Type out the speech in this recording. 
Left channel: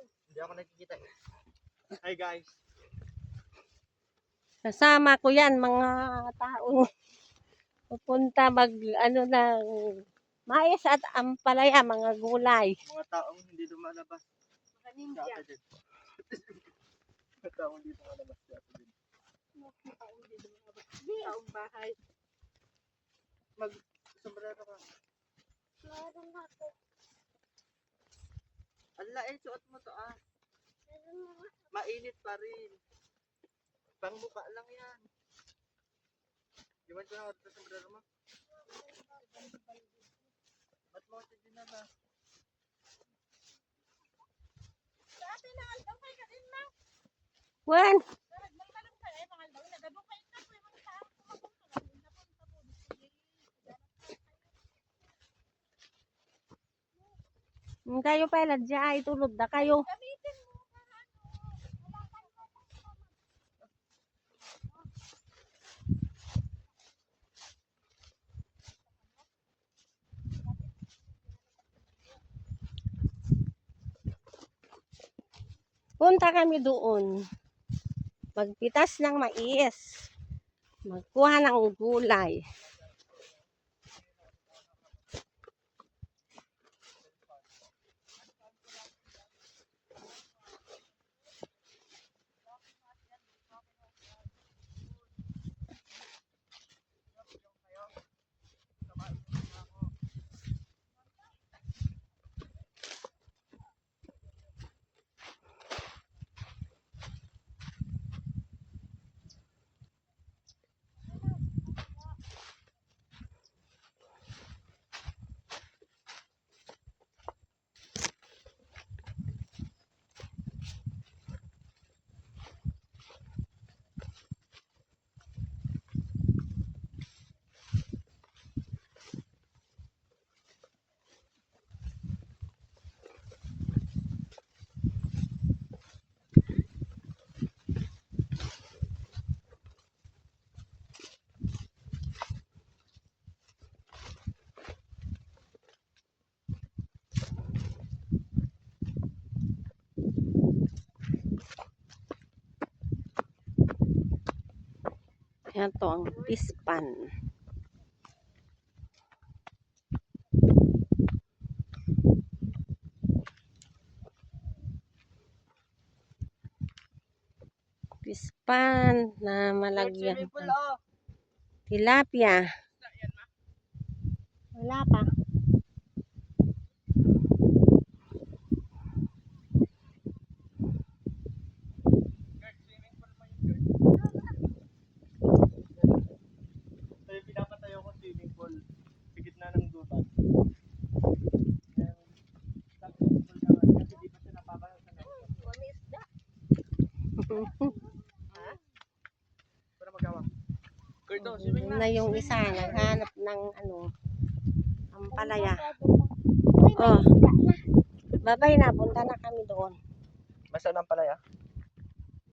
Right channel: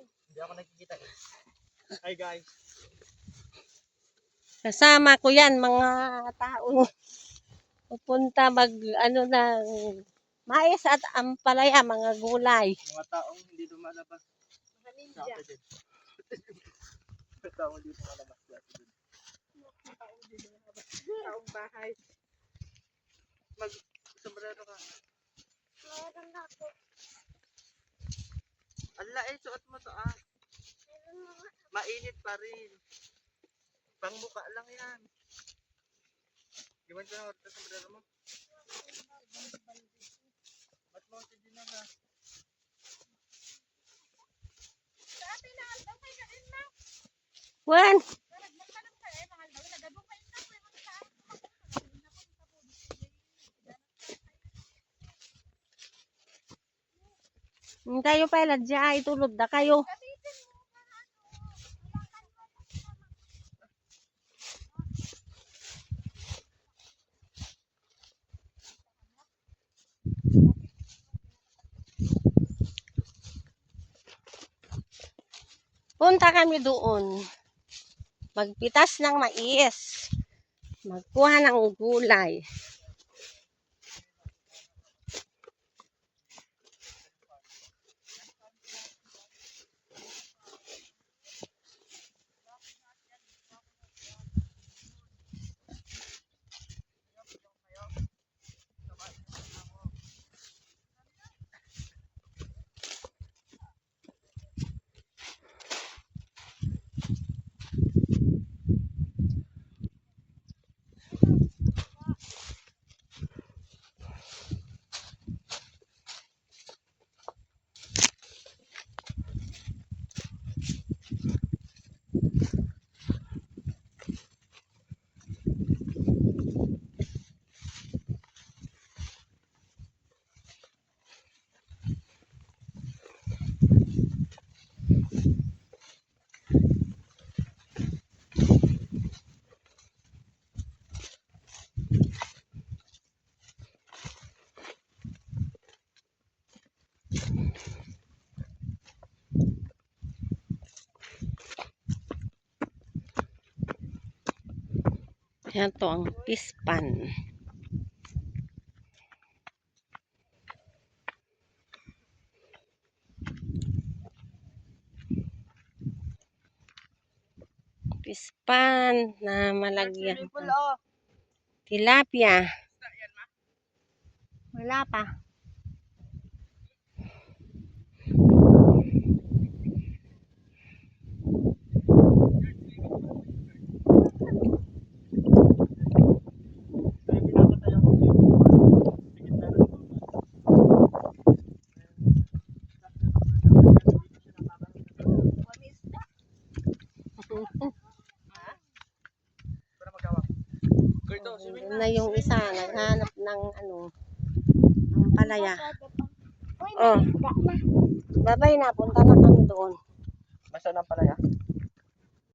Hindi ako nakikita. Hi guys. Kasama ko yan, mga taong pupunta ano ng mais at ampalaya, mga gulay. Mga taong hindi lumalabas. Mga ninja. Mga taong hindi lumalabas. Taong bahay. Mag-sombrero ka. Meron ako. Ala eh, suot mo to ah. Mainit pa rin. Pangmuka lang yan. Gimana ko na sa sombrero mo? Ba't mo si Gina na? Sa atin na aldaw kayo ka rin na. Wen, Nagmanong kayo eh, mga aldaw. Nagabong kayo na po. Yung saan kumakong na. Napunta po. hindi kayo pala dyan, ay tulod na kayo. Gamitin mo. Punta kami doon. Magpitas ng mais. Magkuha ng gulay. Yan to ang pispan. Pispan na malagyan ng tilapia. Wala pa. Para magawa. Kurto, swimming Na yung isa naghanap ng ampalaya. Uy, Oh. Babay na, punta na kami doon. Masa lang pala ya?